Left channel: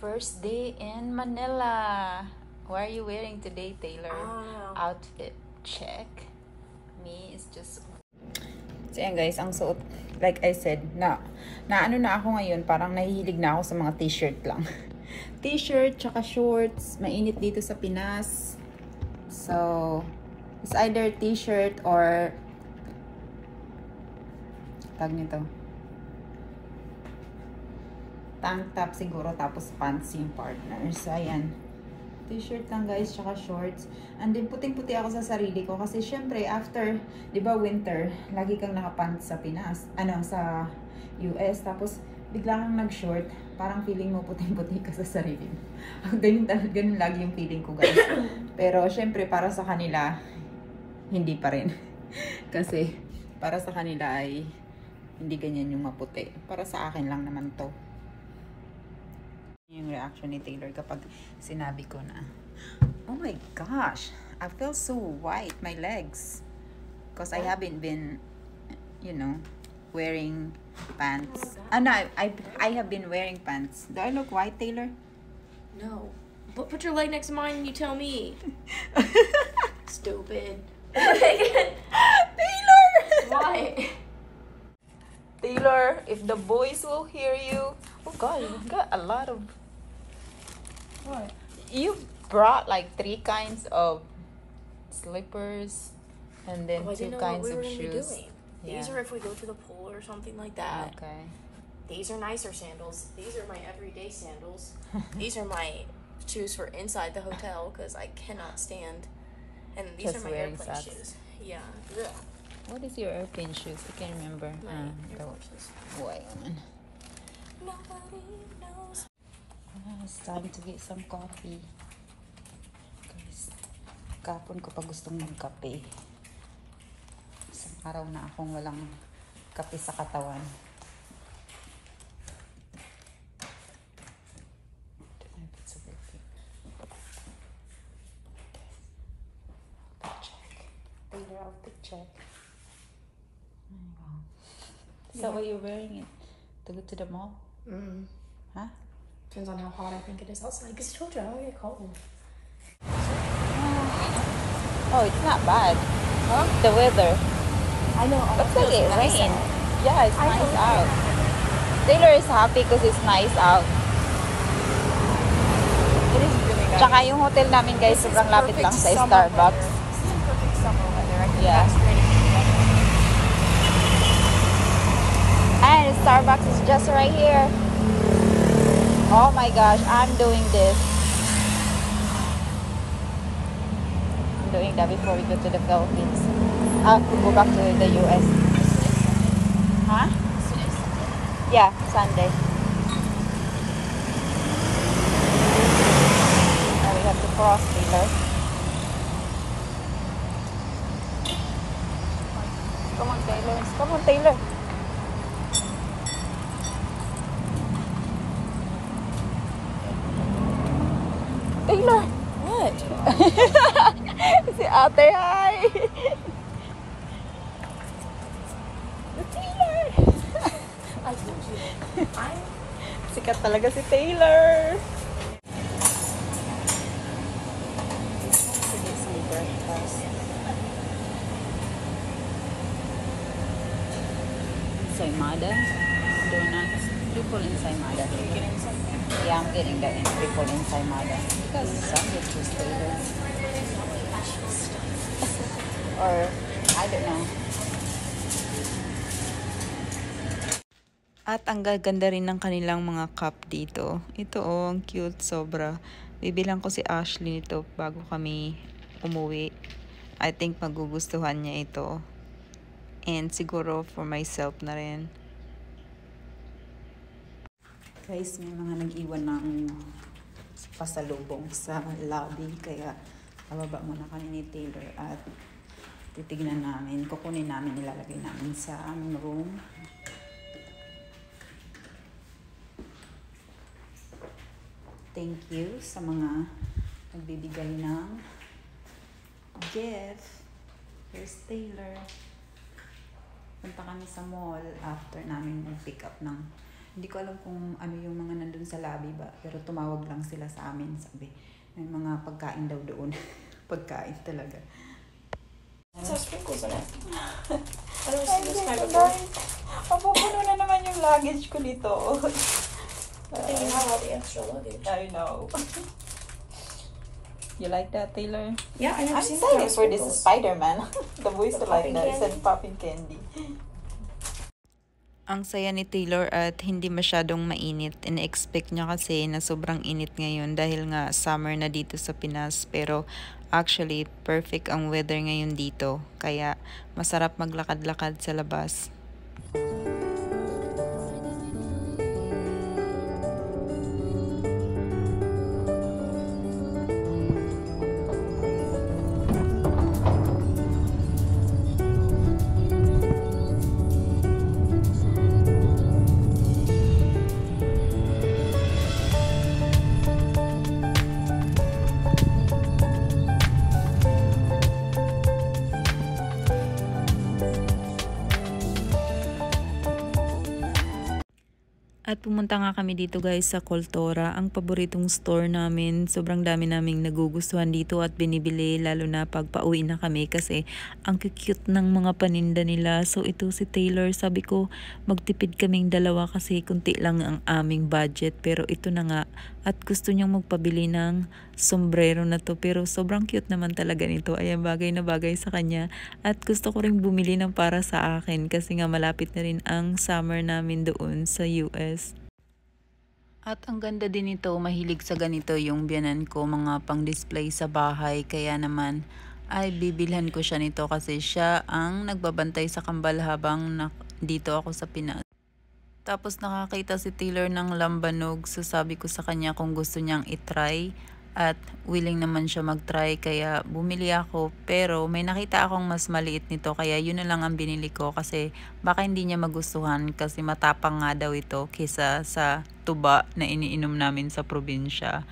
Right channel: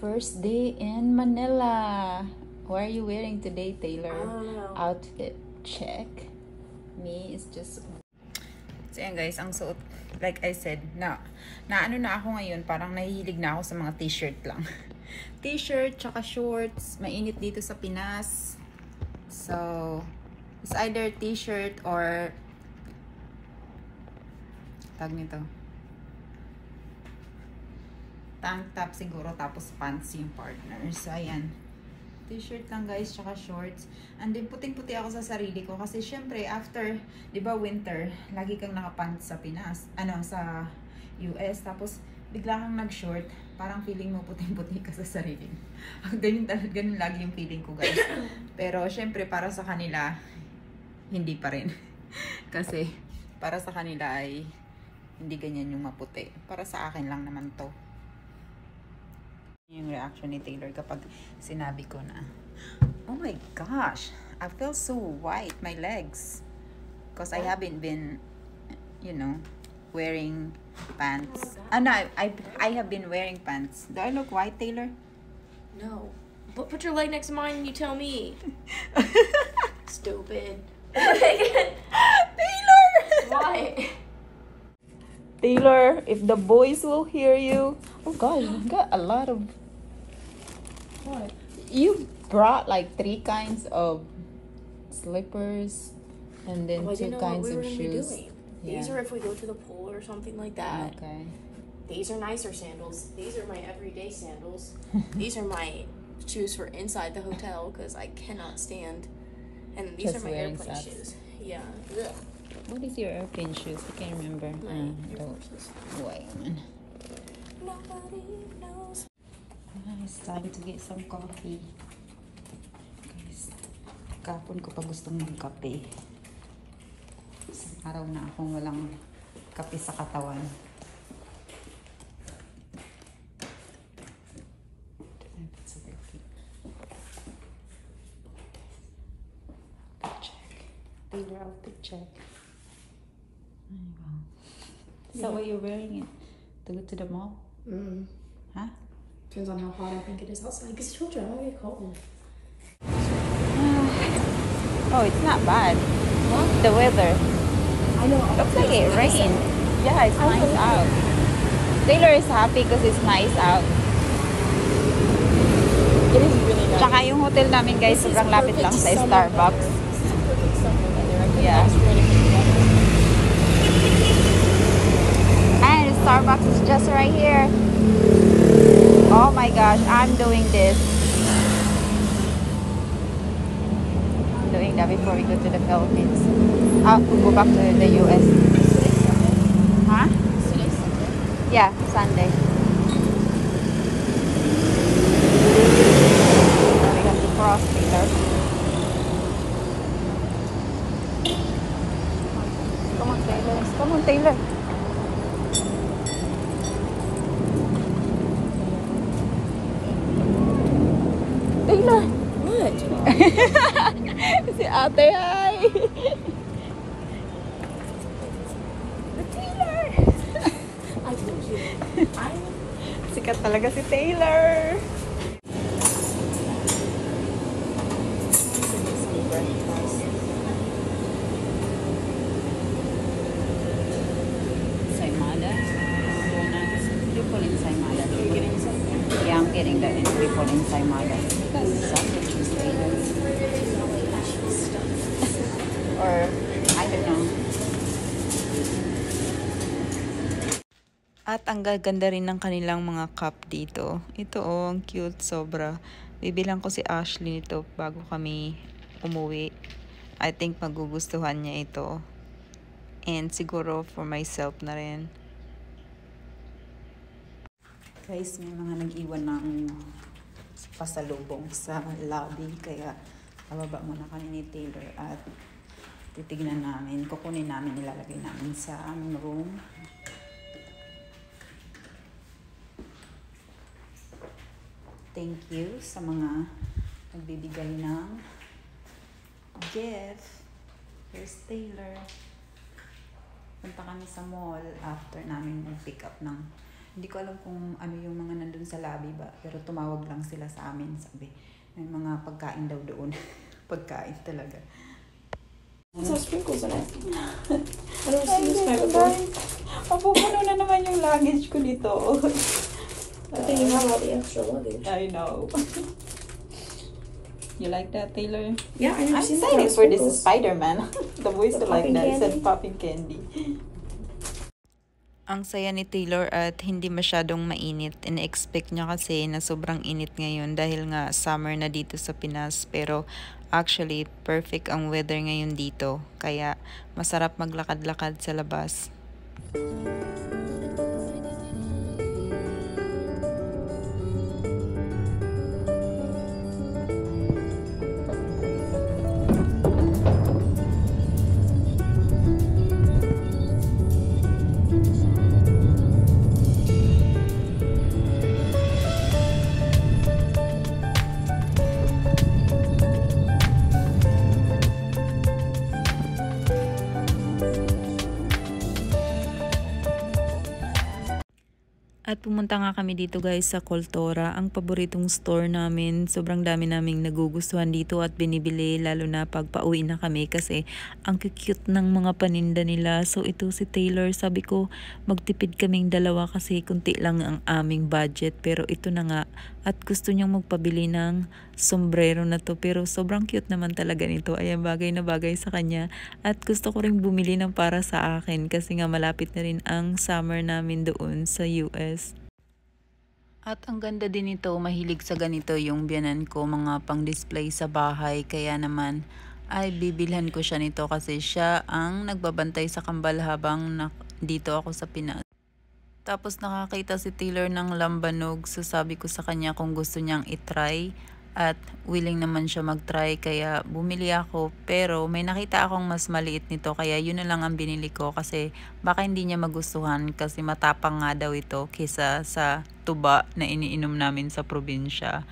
First day in Manila. What are you wearing today, Taylor? I don't know. Outfit check. Me is just... So yan guys, ang suot, like I said, na ano na ako ngayon, parang nahihilig na ako sa mga t-shirt lang. T-shirt, tsaka shorts. Mainit dito sa Pinas. So, it's either t-shirt or tag nito. Tank top siguro, tapos pants yung partner. So, ayan. T-shirt lang guys, tsaka shorts. And then, puting-puti ako sa sarili ko. Kasi, syempre, after, di ba, winter, lagi kang nakapants sa Pinas. Ano, sa US. Tapos, bigla kang nag-short. Parang feeling mo puting-puti ka sa sarili. Ganun lagi yung feeling ko, guys. Pero, syempre, para sa kanila, hindi pa rin. Kasi, para sa kanila ay hindi ganyan yung maputi. Para sa akin lang naman to. Yung reaction ni Taylor kapag sinabi ko na, oh my gosh, I feel so white, my legs. Because I haven't been, you know, wearing pants. No, I have been wearing pants. Do I look white, Taylor? No. But put your leg next to mine and you tell me. Stupid. Taylor! Why? Taylor, if the boys will hear you. Oh God, you got a lot of... What? You brought like 3 kinds of slippers and then I 2 didn't know kinds what we were of going to be shoes. doing. These are if we go to the pool or something like that. Okay. These are nicer sandals. These are my everyday sandals. These are my shoes for inside the hotel because I cannot stand. And these Just are my wearing airplane socks. shoes. Yeah. Ugh. What is your airplane shoes? I can't remember. My The Air Forces. white one. Nobody knows. It's time to get some coffee. Guys, kapon ko pa gustong magkape. Isang araw na akong walang kape sa katawan. Taylor outfit check. So are you wearing it to go to the mall? Huh? Depends on how hot I think it is outside. Because I told you I don't get cold. Oh, it's not bad. Oh, the weather. I know. Looks like it rain. Yeah, it's nice out. Taylor is happy because it's nice out. It is really nice. Tsaka yung hotel namin guys, sobrang lapit lang sa Starbucks. This is perfect summer weather. I can Yeah. yeah. And Starbucks is just right here. Oh my gosh, I'm doing this. I'm doing that before we go to the Philippines. I'll go back to the US. Huh? Yeah, Sunday. Come on, Taylor. Taylor, what? Si ate, hi! I told you. Sikat talaga si Taylor! Saimada? Triple in Saimada. Yeah, I'm getting that in triple in Saimada. Or, I don't know. At ang gaganda rin ng kanilang mga cup dito. Ito oh, ang cute sobra. Bibilang ko si Ashley nito bago kami umuwi. I think magugustuhan niya ito. And siguro for myself na rin. Guys, may mga nag-iwan ng pasalubong sa lobby. Kaya bababa muna kami ni Taylor at titignan namin. Kukunin namin, ilalagay namin sa aming room. Thank you sa mga nagbibigay ng gift. Here's Taylor. Punta kami sa mall after namin mag-pick up ng Hindi ko alam kung ano yung mga nandun sa lobby ba, pero tumawag lang sila sa amin, sabi. May mga pagkain daw doon. Pagkain talaga. So sprinkles on it. I don't see this kind of board. Mapupuno na naman yung luggage ko dito. But then you have all the extra luggage. I know. You like that, Taylor? Yeah, I never I'm seen that. excited for this Spider-Man. The boys The like popping that. candy? Said popping candy. Ang saya ni Taylor at hindi masyadong mainit. Ina-expect niya kasi na sobrang init ngayon dahil nga summer na dito sa Pinas. Pero actually, perfect ang weather ngayon dito. Kaya masarap maglakad-lakad sa labas. At pumunta nga kami dito guys sa Kultura, ang paboritong store namin. Sobrang dami naming nagugustuhan dito at binibili lalo na pag pauwi na kami kasi ang cute ng mga paninda nila. So ito si Taylor, sabi ko magtipid kaming dalawa kasi kunti lang ang aming budget. Pero ito na nga at gusto niyang magpabili ng sombrero na to pero sobrang cute naman talaga nito. Ayan, bagay na bagay sa kanya at gusto ko rin bumili ng para sa akin kasi nga malapit na rin ang summer namin doon sa US. At ang ganda din nito, mahilig sa ganito yung biyanan ko, mga pang-display sa bahay. Kaya naman ay bibilhan ko siya nito kasi siya ang nagbabantay sa kambal habang dito ako sa Pinas. Tapos nakakita si Taylor ng lambanog, so sabi ko sa kanya kung gusto niyang itry. At willing naman siya mag-try kaya bumili ako pero may nakita akong mas maliit nito kaya yun na lang ang binili ko kasi baka hindi niya magustuhan kasi matapang nga daw ito kaysa sa tuba na iniinom namin sa probinsya.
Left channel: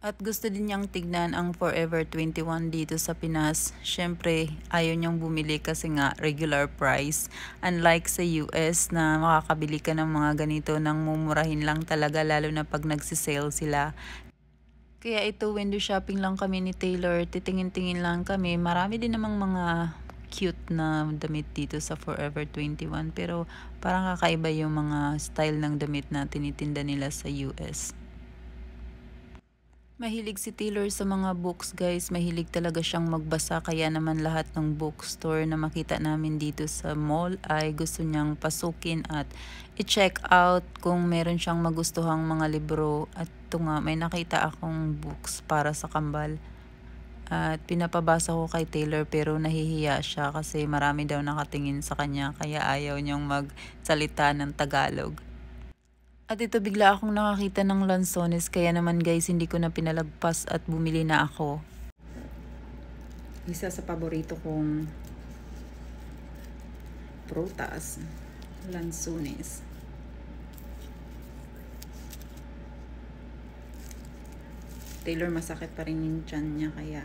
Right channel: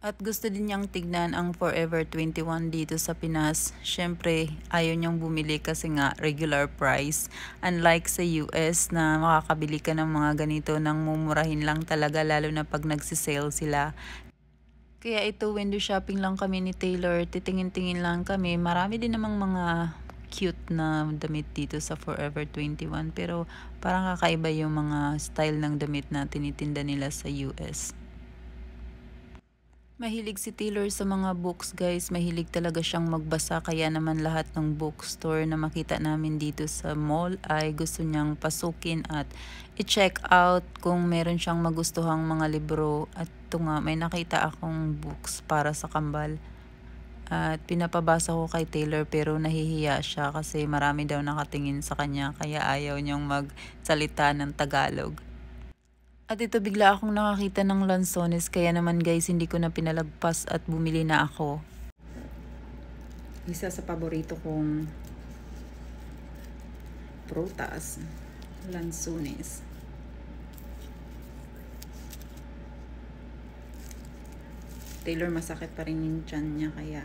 At gusto din niyang tignan ang Forever 21 dito sa Pinas. Syempre ayaw niyang bumili kasi nga regular price. Unlike sa US na makakabili ka ng mga ganito nang mumurahin lang talaga lalo na pag nagsisale sila. Kaya ito, window shopping lang kami ni Taylor. Titingin-tingin lang kami. Marami din namang mga cute na damit dito sa Forever 21. Pero parang kakaiba yung mga style ng damit na tinitinda nila sa US. Mahilig si Taylor sa mga books guys. Mahilig talaga siyang magbasa. Kaya naman lahat ng bookstore na makita namin dito sa mall ay gusto niyang pasukin at i-check out kung meron siyang magustuhang mga libro. At ito nga, may nakita akong books para sa kambal. At pinapabasa ko kay Taylor pero nahihiya siya kasi marami daw nakatingin sa kanya kaya ayaw niyang magsalita ng Tagalog. At ito bigla akong nakakita ng lansones kaya naman guys hindi ko na pinalagpas at bumili na ako. Isa sa paborito kong prutas, lansones. Taylor masakit pa rin yung tiyan niya kaya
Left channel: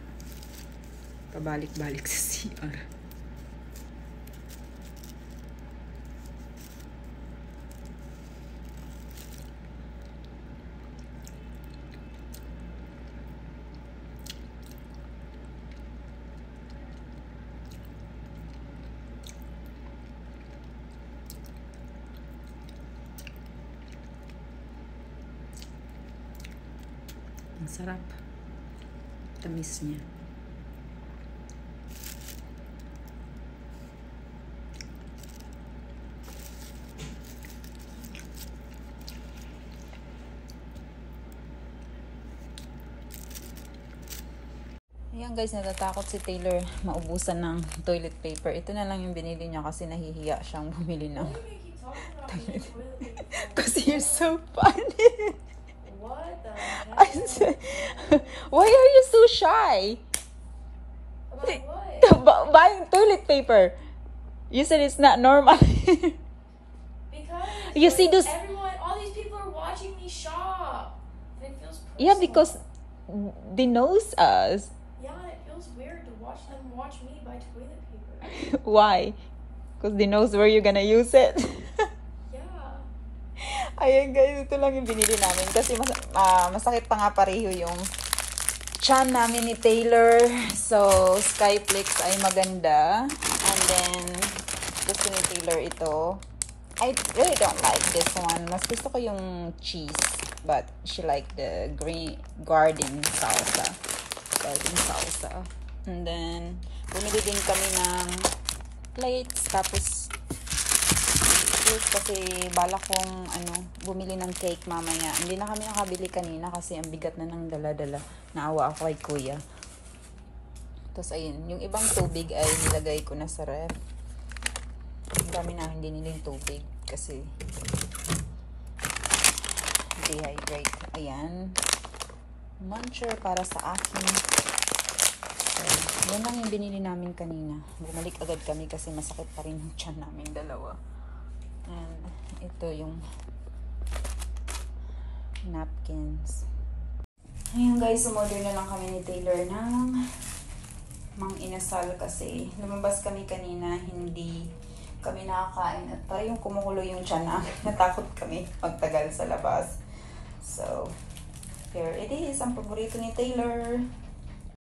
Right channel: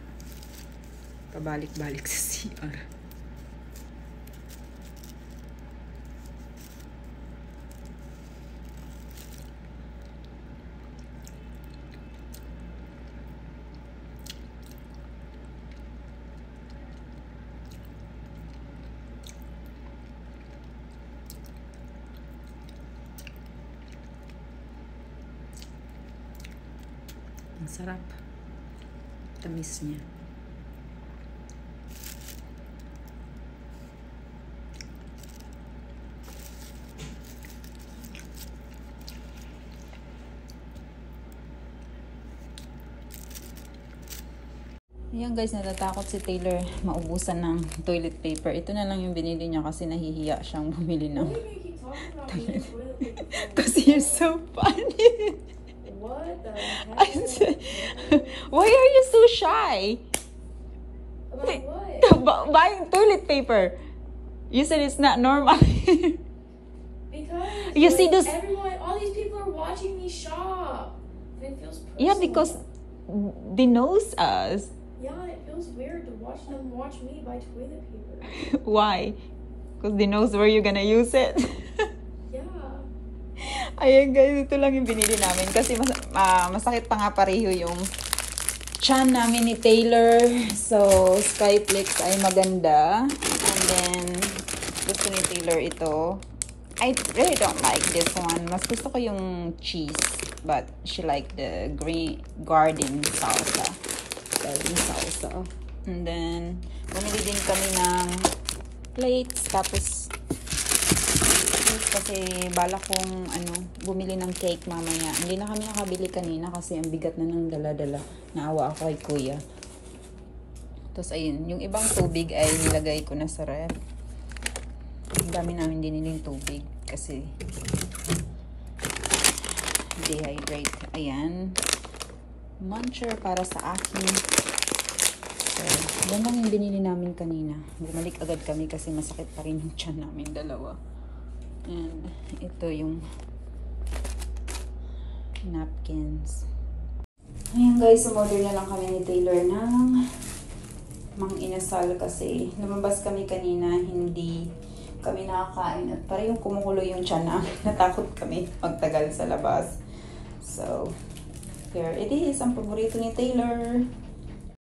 pabalik-balik sa CR. Ang sarap. Tamis niya. Ayan guys, natatakot si Taylor maubusan ng toilet paper. Ito na lang yung binili niya kasi nahihiya siyang bumili ng toilet paper. Kasi you're so funny. What the heck? I said, why are you so shy? About what? Buying toilet paper. You said it's not normal. Because You see those- all these people are watching me shop. And it feels personal. Yeah, because they knows us. Yeah, it feels weird to watch them watch me buy toilet paper. Why? Because they knows where you're gonna use it. Yeah. Ayan guys, ito lang yung binili namin. Kasi masakit pa nga pareho yung chan namin ni Taylor. So, Skyflex ay maganda. And then, gusto ni Taylor ito. I really don't like this one. Mas gusto ko yung cheese. But she like the garden salsa. Garden salsa. And then, bumili din kami ng plates. Tapos, kasi balak kong bumili ng cake mamaya. Hindi na kami nakabili kanina kasi ang bigat na ng dala-dala. Naawa ako kay kuya. Tapos, ayun. Yung ibang tubig ay nilagay ko na sa ref. Ang dami namin diniling tubig kasi dehydrate. Ayan. Muncher para sa akin. Yan lang yung binili namin kanina. Bumalik agad kami kasi masakit pa rin yung tiyan namin dalawa. And ito yung napkins. Ayan guys, umorder na lang kami ni Taylor ng mang inasal kasi lumabas kami kanina, hindi kami nakakain at parang kumukulo yung tiyan namin. Natakot kami magtagal sa labas. So, here it is. Ang paborito ni Taylor.